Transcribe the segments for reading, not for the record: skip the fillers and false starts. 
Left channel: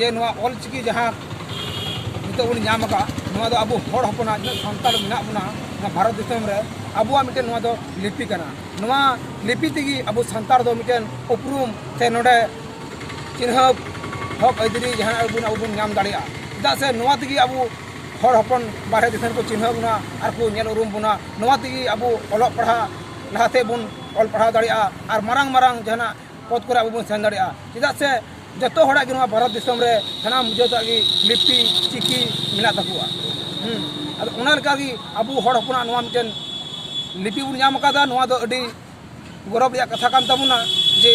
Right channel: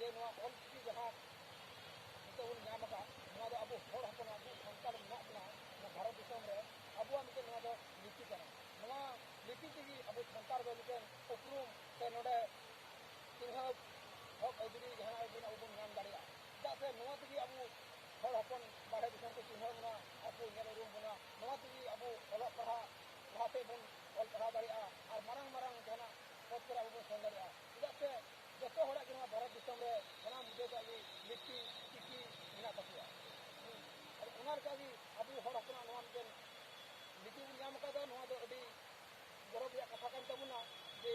जे all चिकी जहाँ नित बन नाम अब हर हपना सानताल मेना बना भारत दिसम रे अबुआ मिटेन लिपि कना लिपि तेगी अब सानतार दो मिटेन उपरूम से नोडे चिन्ह हक अदरी जहाँ अब नाम दाड़िया चेदा से नोआ तेगी अब हर हपन बारे दिसम को चिन्ह बना और को नेल उरूम बना नोआ तेगी अब ऑलग पढ़ा लहाते बन ऑल पढ़ा दाड़िया और मारांग मारांग जहाँ पद को अब सेन दाड़िया चेदा से जतो हड़ा के भारत दिसम रे सानाम जतो की लिपि चिकी मेना तकुआ अब उना लेका की अब हर हपना नोआ मिटेन लिपि बन नाम अकादा नोआ दो अडी गौरव रिया कथा कान तबुना जे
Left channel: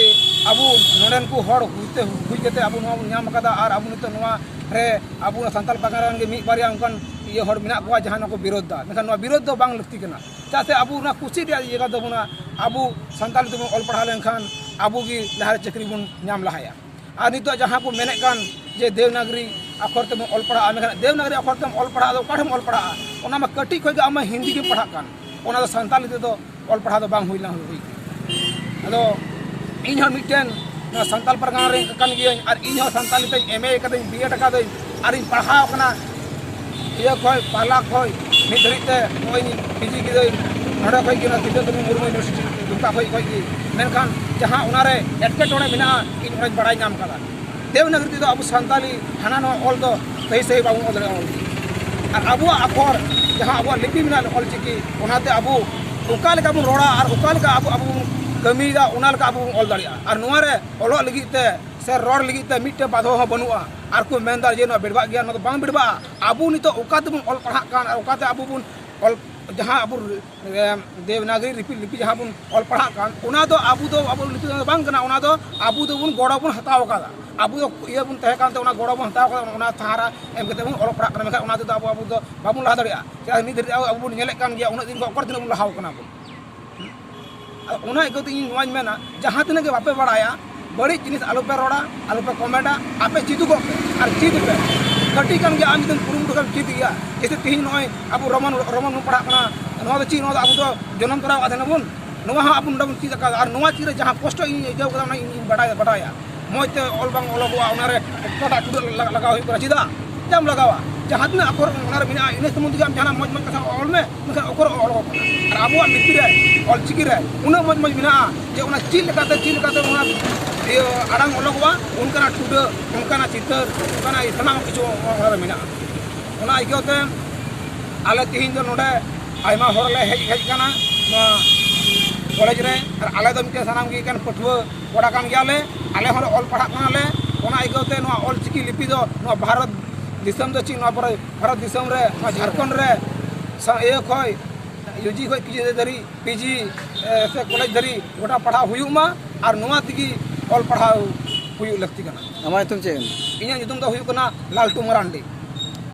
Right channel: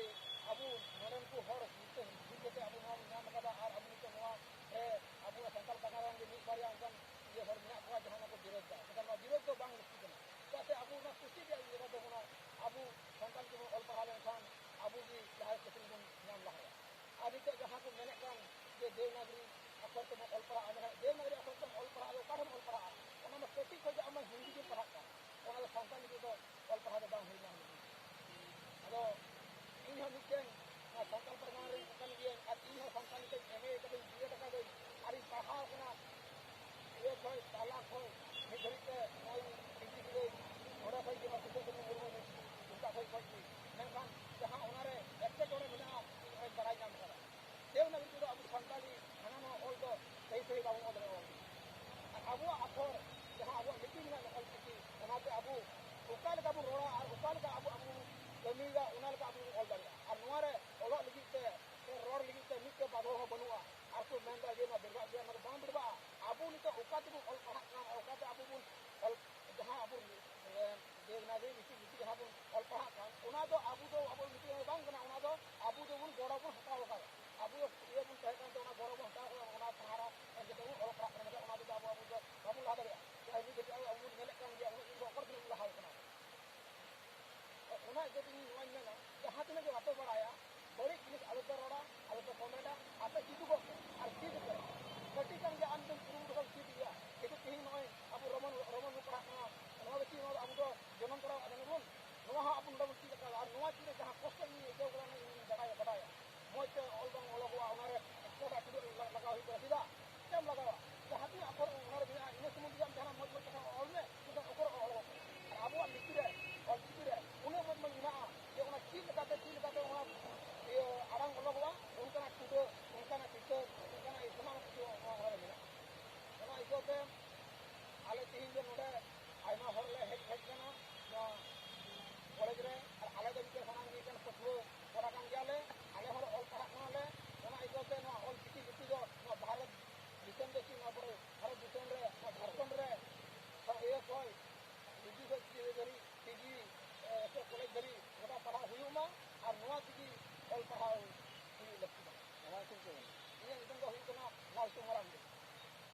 अब नोडेन को हर हुईते हुई केते अब नोआ बन नाम अकादा और अब नितो नोआ रे अब सानताल पागारान के मिट बारिया उनकान ये हर मेना को जहां को विरोध दा मेखान नोआ विरोध दो बांग लगती कना चासे अब ना खुशी रिया जगह दबुना अब सानताल ते ऑल पढ़ा लेनखान अब की लहार चाकरी बन नाम लहाया और नितो जहाँ को मेने कान जे देवनागरी अखर ते ऑल पढ़ा मेखान देवनागरी अखर ते ऑल पढ़ा दो काठम ऑल पढ़ा ओना मा कटी खय आम हिंदी के पढ़ा कान ओना दो सानताली ते दो ऑल पढ़ा दो बांग हुईला हुई अदो इन हर मिटेन सानताल परगाना रे कान गियन और इन हर सानताली ते एमए कते बीए टका दो और इन पढ़ा कना ये खय पाला खय मिट धरिते ओय पीजी की दो नडा खय की ना तिते तुम मुर्मू यूनिवर्सिटी दुका खय खय की मेनखान जहाँ उनारे एटकेटोड़े मेना इन ओय बड़ाई नाम कदा देवनागरी तो अब सानताली हाना नो ऑल दो सही सही बाबू ऑल रे ऑल और अब अखर जहाँ अब लिपि मेना ऑल चिकी ओनाते अब उका लेका बन रोड़ा और उका लेका अब कमीदा उना लेका अब ऑल दाड़िया और नोआ रे ऑलो लगिते से रोड लगिते मिटे बाधो हो बनुआ और को मेनदार जे नो बेडबा गया नो बांग बेडबा अब नितो उकाते बन ऑल पढ़ा कान और उकाते अब बन ऑल जहाँ अब देवनागरी लिपि जहाँ बन ऑल पढ़ा कान उना दो अब लिपि बांग कना उना दो अब दो बन गोड़ा बन हताव कादा अब ये बन तहे कान ते उना गोड़ा बन हताव कादा उना सहारा एम कते बन ऑल पढ़ा कना मेखा उना दो अब दो बाबुन लहा दाड़िया चा नि धरि अब बन नेले कान गया उना दिन को अकर दिन बन लहाव कना बन उना इकते इन नोआñ मेना जहाँ तिना के बापे बड़ाया बड़ी जिनिस आलू पे रोड़ा आलू पे कमेंटा आपे चिदू को और चिद पे कटी कान गया आम दिन कुरुम दुकान चिद गया जैसे तीन नोय अब रोमन पढ़ा कना नोआ दो ची नोआ अब दो जन्म तोरा आदे नबुन नोआ हा अब नबुन चिद का और नोआ चिरे जहाँ कष्ट इन जाव कदा ना इन बड़ाया मोते ऑल बांग ओलोगवा उनारे टोटा टुड लगाव हुई करा चिदा जाम लगावा जहाँ दिन अखर उनारे मिना इन समुद्र हम जहाँ मज कथा ऑल में मेखा अखर ऑल और अब लिपि रे ऑल चिकी रे उना मज मिना जे उना चिल लगाते उना ये आड़ांग ओलोगवा उनका टुड उनका चितर उनका सनाम किछु और मिना उना इकते आले तिहिन दो नोडे आयमा होरले हेज काना कॉलेज रे और आले दो मिटे सनाम की कान पठुआ कोड़ा कान गयाले आले हर ऑल पढ़ा कानाले उना इकते नो ऑल चिकी लिपि दो नो भारत दिसम दो ची नो भारत दिसम रे झारखंड रे ए खय यूजी खय पीजी धरी पीजी से कॉलेज धरी गोटा पढ़ा हुयुमा और नोआ तिगी ऑल पढ़ा हुयु लगती कना अमाय तुम चे इन्या नितुम दो हुयु कना लालटू मरांडी।